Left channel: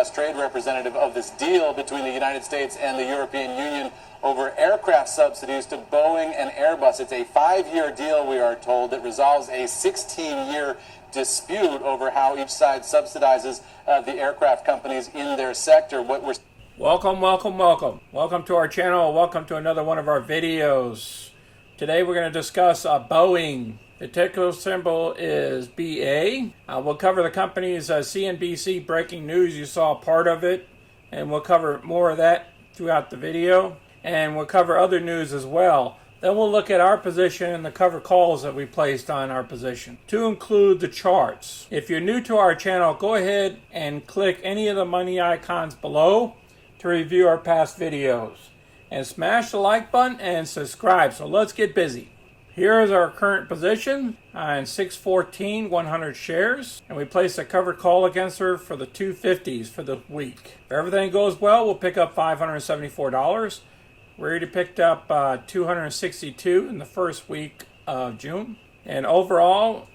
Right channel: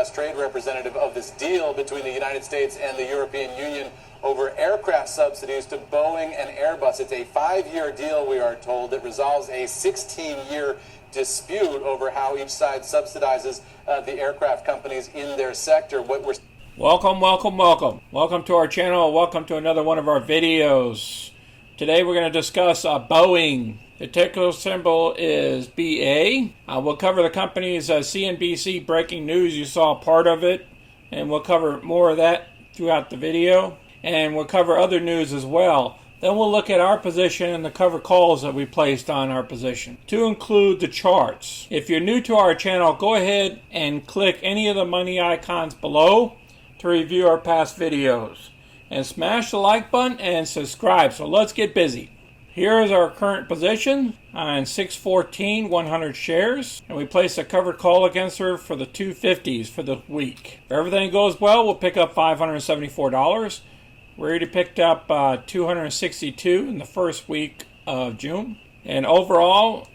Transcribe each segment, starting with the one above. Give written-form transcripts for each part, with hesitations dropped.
U.S. trade representative of this deal between the United States and the European Union over aircraft subsidies to Boeing and Airbus. It's a 5-year deal, we are told, that resolves a 16-year dispute over how each side subsidizes the aircraft companies in their sector. Welcome to our channel. Welcome to another one of our videos. Today we're going to discuss Boeing. The ticker symbol is BA. We'll cover the company's CNBC Breaking news. You saw part of it, and we'll cover more of that throughout the video. And we'll cover other news as well. Then we'll look at our position and the cover calls that we placed on our position, to include the charts. If you're new to our channel, go ahead and click any of the money icons below to review our past videos. And smash the like button and subscribe. So let's get busy. Here is our current position on 614, 100 shares. And we placed a covered call against her for the 250s for the week. If everything goes well, we'll pick up $574. We already picked up 262 in the first week of June. And overall,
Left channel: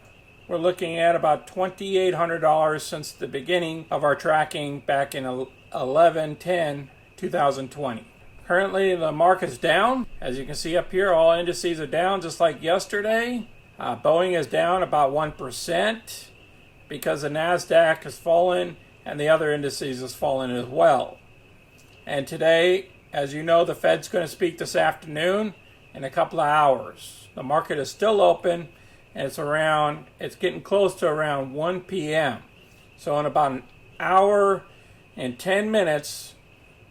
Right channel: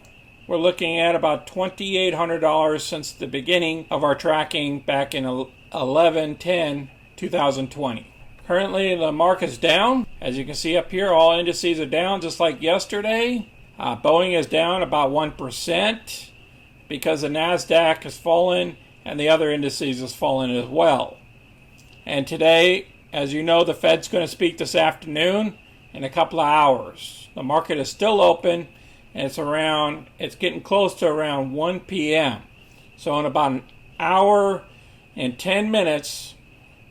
we're looking at about $2,800 since the beginning of our tracking back in 11/10/2020. Currently, the market's down. As you can see up here, all indices are down just like yesterday. Boeing is down about 1% because the NASDAQ has fallen and the other indices has fallen as well. And today, as you know, the Fed's going to speak this afternoon in a couple of hours. The market is still open, and it's getting close to around 1 p.m. So in about an hour and 10 minutes,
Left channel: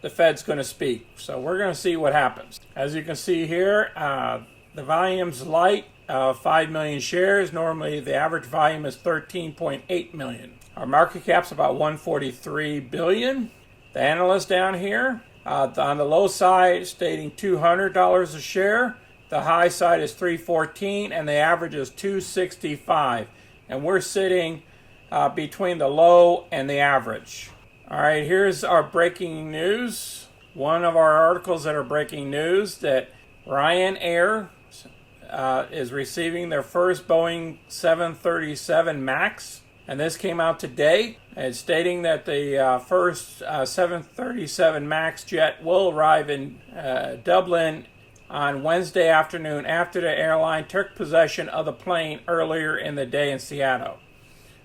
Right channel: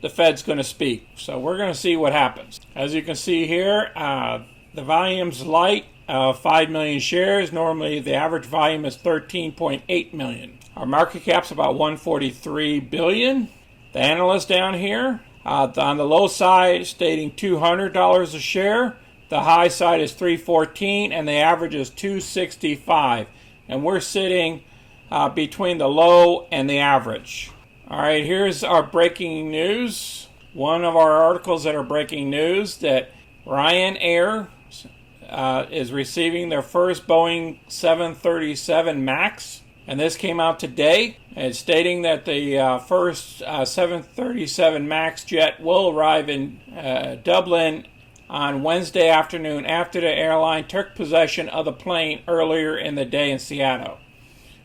the Fed's going to speak. So we're going to see what happens. As you can see here, the volume's light, 5 million shares. Normally, the average volume is 13.8 million. Our market cap's about 143 billion. The analyst down here, on the low side, stating $200 a share. The high side is $314, and the average is $265. And we're sitting between the low and the average. All right, here's our breaking news. One of our articles that are breaking news that Ryanair is receiving their first Boeing 737 MAX. And this came out today. It's stating that the first 737 MAX jet will arrive in Dublin on Wednesday afternoon after the airline took possession of the plane earlier in the day in Seattle.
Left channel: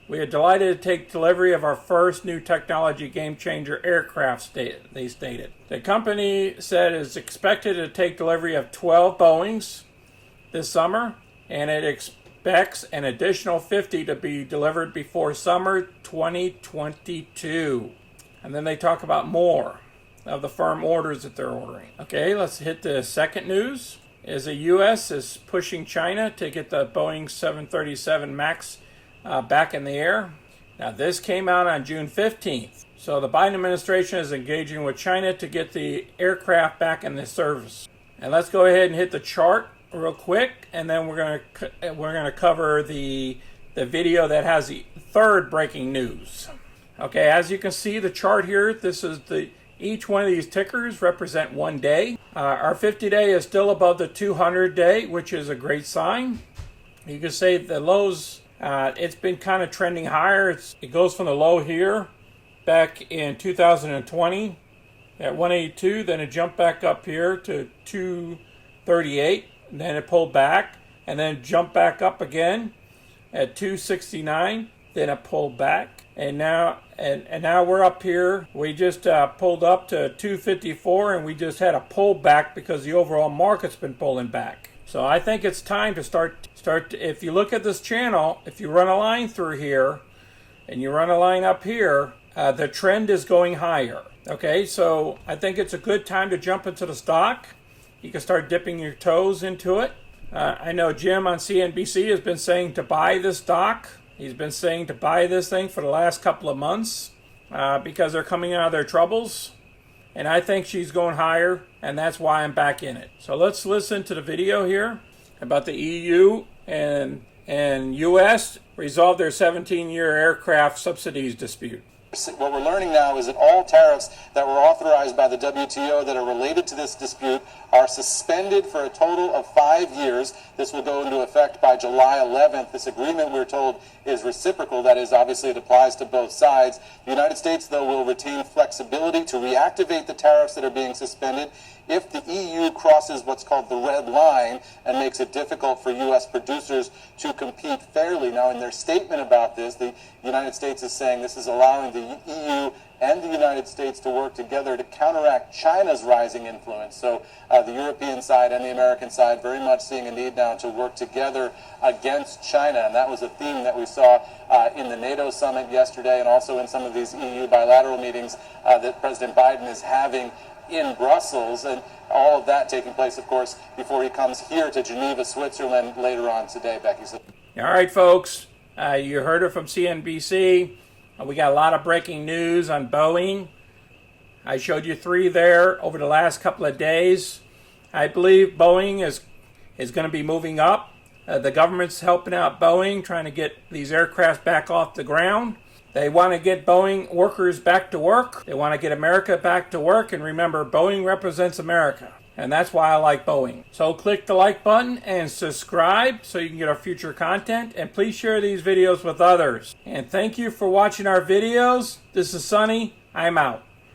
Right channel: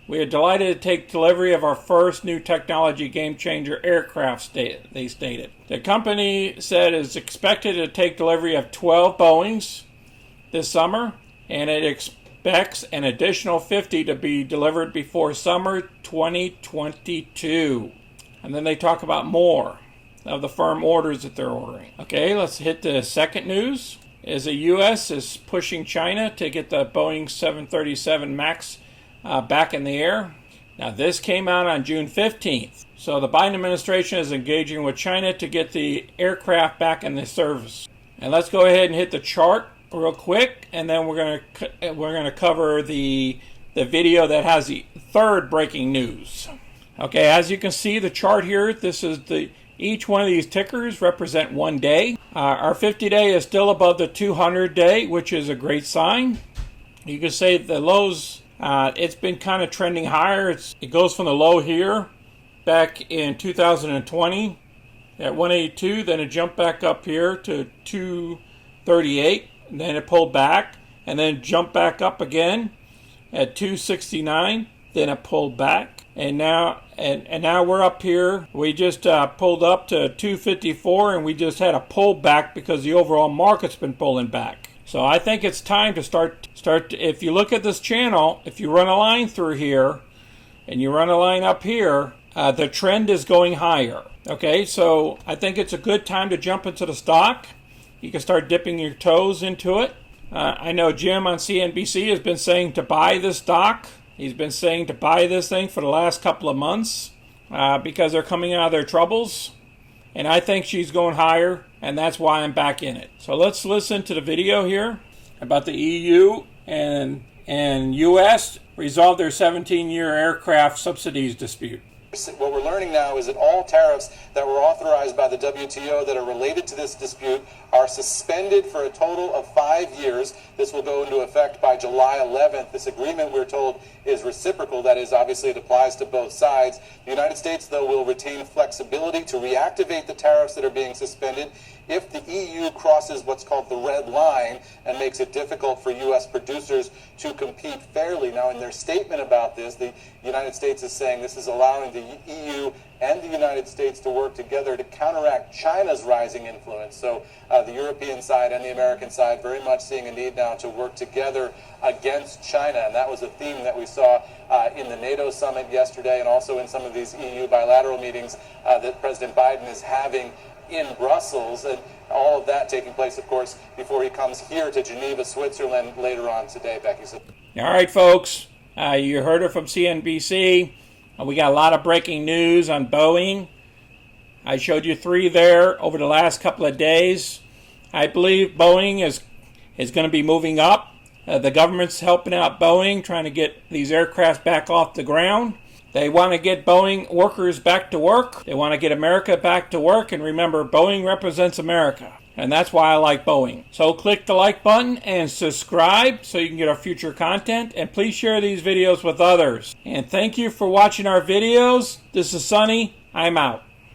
We are delighted to take delivery of our first new technology game-changer aircraft, they stated. The company said it's expected to take delivery of 12 Boeings this summer, and it expects an additional 50 to be delivered before summer 2022. And then they talk about more of the firm orders that they're ordering. Okay, let's hit the second news. The U.S. is pushing China to get the Boeing 737 MAX back in the air. Now, this came out on June 15th. So the Biden administration is engaging with China to get the aircraft back in the service. And let's go ahead and hit the chart real quick, and then we're gonna cover the video that has the third breaking news. Okay, as you can see the chart here, this is each one of these tickers represent 1 day. Our 50-day is still above the 200-day, which is a great sign. You can say the lows, it's been kind of trending higher. It goes from the low here back in 2020 at 182, then it jumped back up here to 238. And then it pulled back, and then jumped back up again at 269. Then it pulled back, and now we're up here. We just pulled up to 254, and we just had a pull back because the overall market's been pulling back. So I think it's time to start. If you look at this channel, if you run a line through here, and you run a line up here, the trend is going higher. Okay, so I think it's a good time to jump into the stock. You can start dipping your toes into it. I know Jim on CNBC has been saying to buy this stock. He's been saying to buy this thing for the last couple of months because they're coming out of their troubles. And I think she's going higher, and that's why I'm back in it. So let's listen to the video here about the EU and US resolve their 17-year aircraft subsidies dispute. What we're learning now is that all tariffs that were authorized by the WTO that are related to this dispute are suspended for a total of 5 years. This will go into effect by July 11th. This agreement, we're told, is reciprocal. That is, obviously, it applies to both sides. The United States, though, will retain flexibility to reactivate the tariffs that are being suspended if the EU crosses what's called the red line and makes it difficult for U.S. producers to compete fairly. Now, in their statement about this, the United States is saying this is allowing the EU and the United States to work together to counteract China's rising influence. So the European side and the American side very much seeing a need now to work together against China. And that was a theme that we saw in the NATO summit yesterday and also in some of these EU bilateral meetings that President Biden is having in Brussels, and all of that taking place, of course, before he comes here to Geneva, Switzerland later on today, Becky. All right, folks, you heard it from CNBC. We got a lot of breaking news on Boeing. I showed you 3 there over the last couple of days. I believe Boeing is going to be moving up. The government's helping out Boeing, trying to get these aircraft back off the ground. They want to get Boeing workers back to work. They want to get America back to work. And remember, Boeing represents America. And that's why I like Boeing. So click the like button and subscribe so you can get our future content. And please share these videos with others. And thank you for watching our videos. This is Sonny. I'm out.